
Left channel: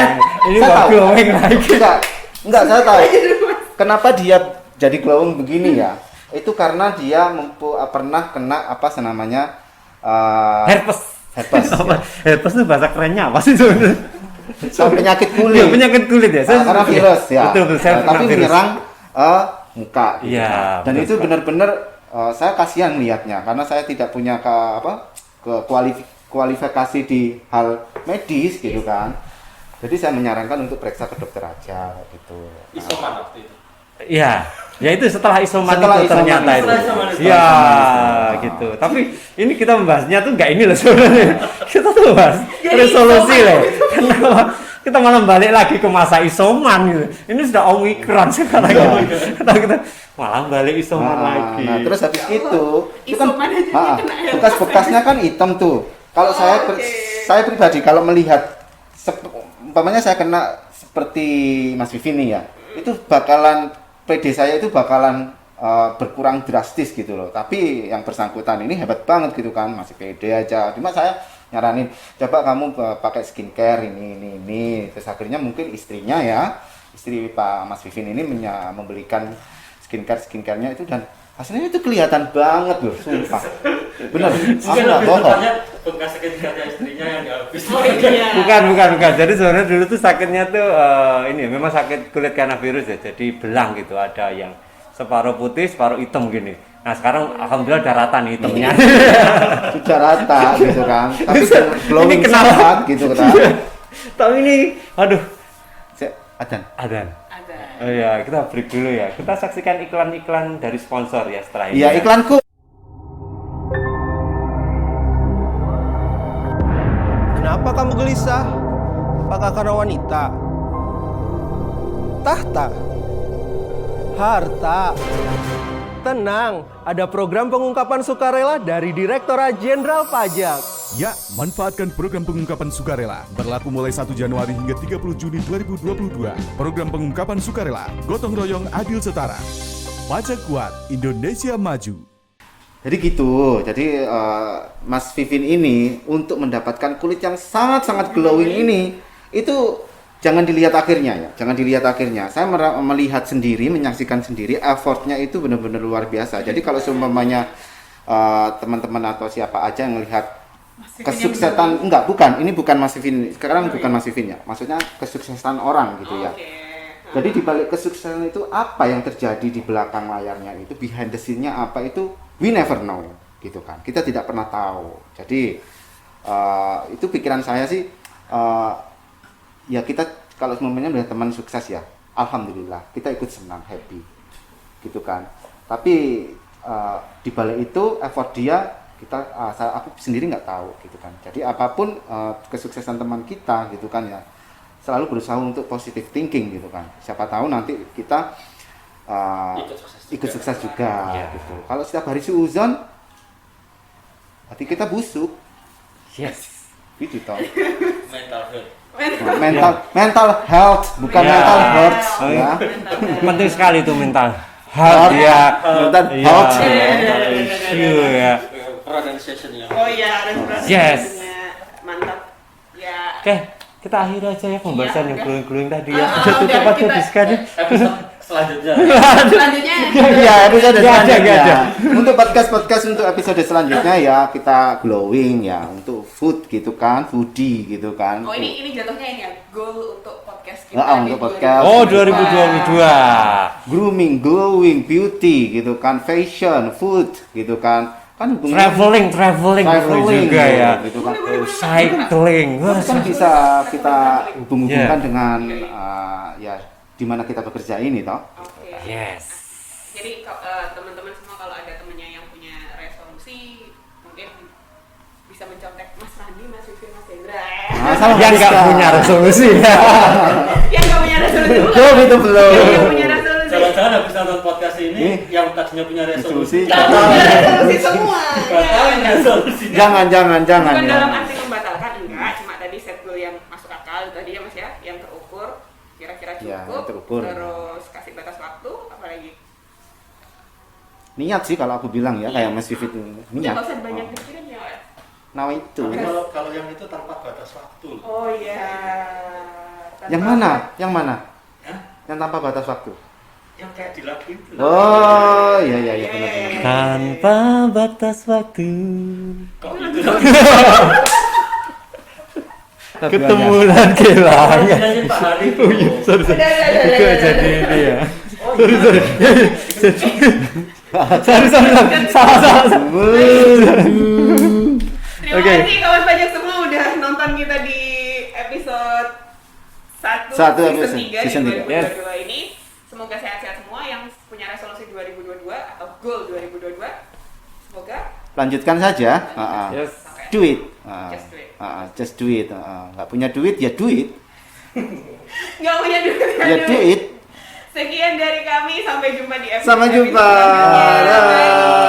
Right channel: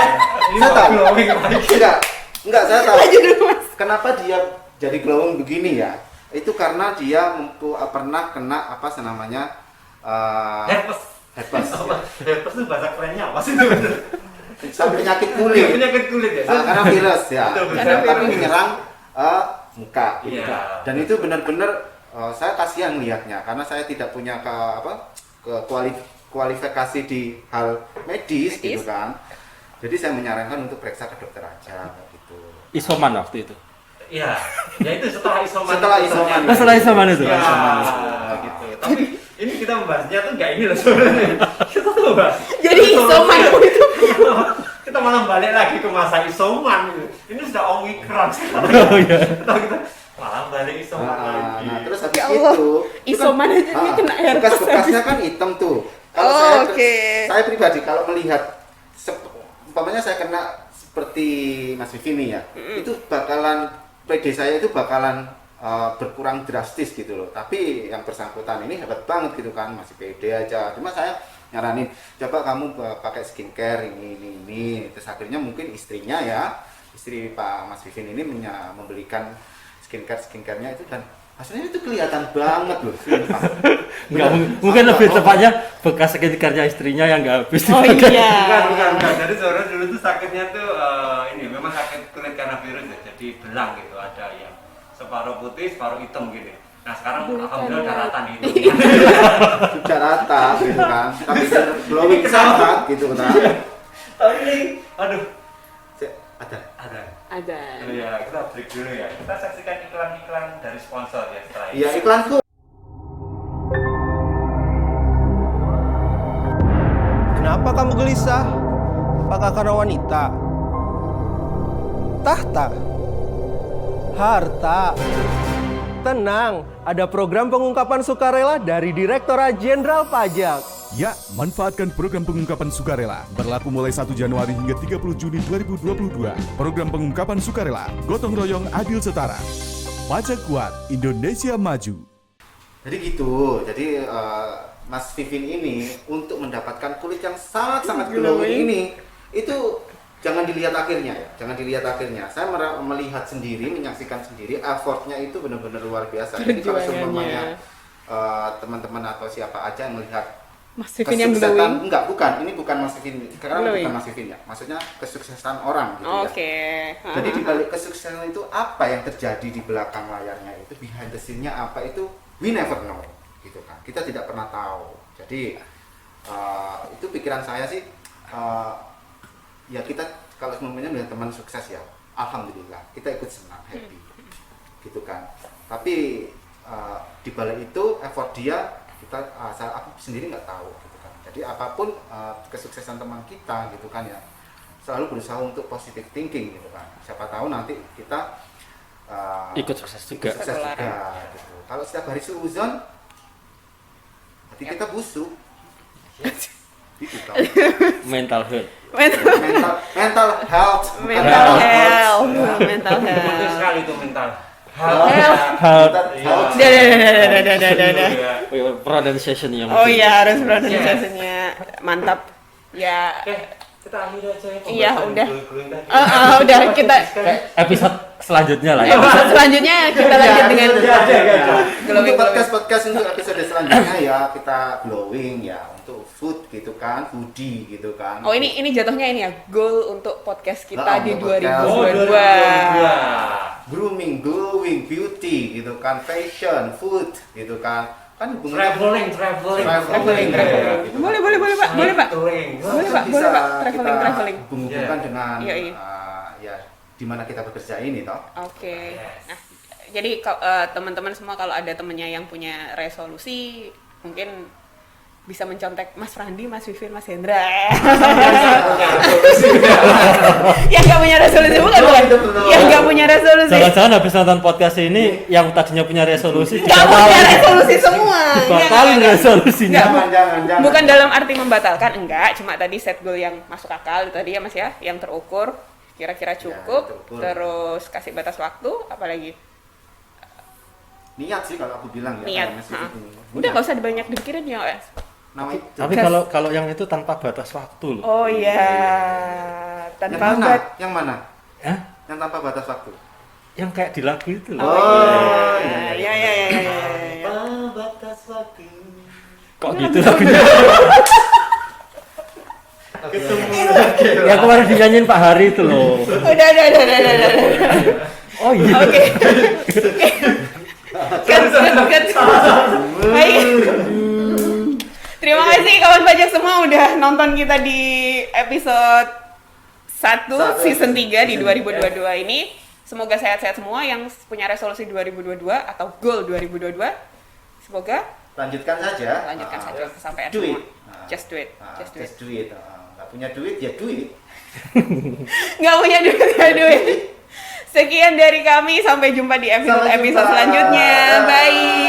Ini bab glowing lagi. Enggak, saya tahu. Kenapa dia jadi glowing begini ya? Itu karena dia pernah kena apa namanya Herpes. herpes. Apa? Herpes itu bahasa kerennya apa sih sebenarnya? Penyakit Iya, kulit. penyakit kulit ya. Karena virus ya. Betul, saya kena Tapi virus. menyerang muka. Gitu. Iya, Dan betul itu sekali. benar-benar saya kasihan melihatnya karena saya tidak punya kualifikasi di hal medis gitu kan. Jadi saya menyarankan untuk periksa ke dokter aja gitu. Isoman waktu itu. Iya, ya itu setelah isoman Setelah itu isoman ternyata. itu. Setelah isoman itu. Ya, Isoman. gitu. Tapi ini kita membahasnya tuh nggak ini loh sebenarnya. Kita tuh bahas Jadi resolusi isoman. loh. Kita malah balik lagi ke masa isoman gitu. Ini sudah omikron sekarang. Kita malah balik isoman lagi. Nah, terus habis Ya Allah, itu isoman aja kena herpes bekas-bekasnya kan hitam tuh. Kalau Oh, saya pribadi kalau melihat umpamanya saya kena seperti Mas Vivi nih ya, itu bakalan PD saya itu bakalan berkurang drastis gitu loh. Tapi yang bersangkutan ini hebat banget gitu kan, masih PD aja. Cuma saya nyaranin, coba kamu pakai skincare ini. Terus akhirnya mungkin istrinya ya, istri Pak Mas Vivin ini membelikan skincare-nya itu dan hasilnya itu kelihatan banget loh, sumpah. Mungkin Aku lebih nggak tepatnya bekas skincare-nya istrinya yang nggak habis. Oh iya. Bukan. Jadi sebenarnya dulu tuh sakitnya tuh ini memang sakit kulit karena virus ya. Jadi belang gitu, ada yang separuh putih, separuh hitam gini. Nah sekarang alhamdulillah udah rata nih hitamnya. Sudah rata gitu kan, tapi Ini glowing kenapa? banget gitu kan. Tapi ini, aduh, Adan. ada. Ada. Oh ya, kita break dulu ya. Kita saksikan iklan-iklan dari sponsor ya setelah ini. Iya, iklanku. Kenapa kamu gelisah? Apakah karena wanita? Tahta? Harta? Tenang, ada program pengungkapan sukarela dari Direktorat Jenderal Pajak. Ya, manfaatkan program pengungkapan sukarela. Berlaku mulai 1 Januari hingga 30 Juni 2022. Program pengungkapan sukarela, gotong royong adil setara. Pajak kuat, Indonesia maju. Jadi gitu. Jadi Mas Vivin ini untuk mendapatkan kulit yang sangat-sangat glowing ini itu jangan dilihat akhirnya ya. Jangan dilihat akhirnya. Saya melihat sendiri, menyaksikan sendiri effortnya itu benar-benar luar biasa. Jadi kalau seumpamanya teman-teman atau siapa aja yang melihat Mas Vivin yang kesuksesan glowing. enggak, bukan, ini bukan Mas Vivin. Sekarang Glowing. bukan Mas Vivin ya. Maksudnya kesuksesan orang gitu ya. Oke. Jadi di balik kesuksesan itu apa yang terjadi di belakang layarnya itu, behind the scene-nya apa itu, we never know gitu kan. Kita tidak pernah tahu. Jadi itu pikiran saya sih ya kita kalau semuanya melihat teman sukses ya, alhamdulillah kita ikut senang, happy gitu kan. Tapi di balik itu effort dia aku sendiri nggak tahu gitu kan. Jadi apapun kesuksesan teman kita gitu kan ya, selalu berusaha untuk positive thinking gitu kan. Siapa tahu nanti kita Ikut sukses juga. Iya. gitu. Kalau setiap hari suuzon, hati kita busuk. Yes. Gitu. Mental health. mental health bukan mental health. Ya. Mental health. Penting sekali itu mental. Health ya, mental Iya. health. Iya. Pronunciation yang Oh iya, harus Yes. pronunciation-nya mantap. Ya. Oke, kita akhiri aja ya Iya, pembahasan udah. yang glowing-glowing tadi. Udah kita episode selanjutnya lah ya. selanjutnya kita Ya, lanjut episode dengan selanjutnya. ada. Untuk podcast untuk episode selanjutnya ya kita glowing ya, untuk food gitu kan, foodie gitu kan. Oh ini jatuhnya ini ya, goal untuk podcast kita di untuk podcast. 2022. Oh, 2022. Grooming, glowing, beauty gitu kan, fashion, food gitu kan. Kan Traveling juga ya. gitu Boleh, kan. boleh, boleh, Pak. Boleh, Pak. Cycling. Kan Boleh, bisa Pak. kita Traveling. hubung-hubungkan Iya. dengan Iya, iya. ya di mana kita bekerja ini toh. Oke. Yes. Nah, jadi teman-teman semua kalau ada temennya yang punya resolusi, mungkin bisa mencontek Mas Randi, Mas Vivin, Mas Hendra. Yang nggak punya resolusi. Yang nggak punya resolusi bukan? Belum, itu belum. Yang nggak punya resolusi. Jangan-jangan habis nonton podcast ini yang tadinya punya resolusi Nggak punya resolusi semua. batalin Jangan. resolusinya. Jangan. Bukan dalam arti membatalkan, enggak. Cuma tadi set goal yang masuk akal tadi ya Mas ya, yang terukur, kira-kira cukup, terukur. terus kasih batas waktu, apalagi Niat sih kalau aku bilang ya, Niat. kayak Mas Vivit ini. udah nggak usah dibanyak dipikirin ya Mas. Nah itu. Tapi kalau yang itu tanpa batas waktu loh. Oh iya. Tanpa Yang mana? bat- Yang mana? Hah? Yang tanpa batas waktu. yang kayak di lagu itu. Oh, iya. Tanpa batas waktu. Kok gitu lagunya? Ketemu lagi Yang lah. kemarin dinyanyiin Pak Hari itu. Udah. Oh iya. Terima kasih kawan pajak semua udah nonton kita di episode 1 Satu season episode, 3 di season 2022 ini. Semoga sehat-sehat semua yang punya resolusi 2022 atau goal 2022. Semoga Lanjutkan saja. lanjutkan sampai Do it. Just do it. Just do it. Nggak punya duit ya duit. Nggak punya duit ya Ya duit. duit. Sekian dari kami, sampai jumpa di Sampai episode jumpa. selanjutnya. Bye.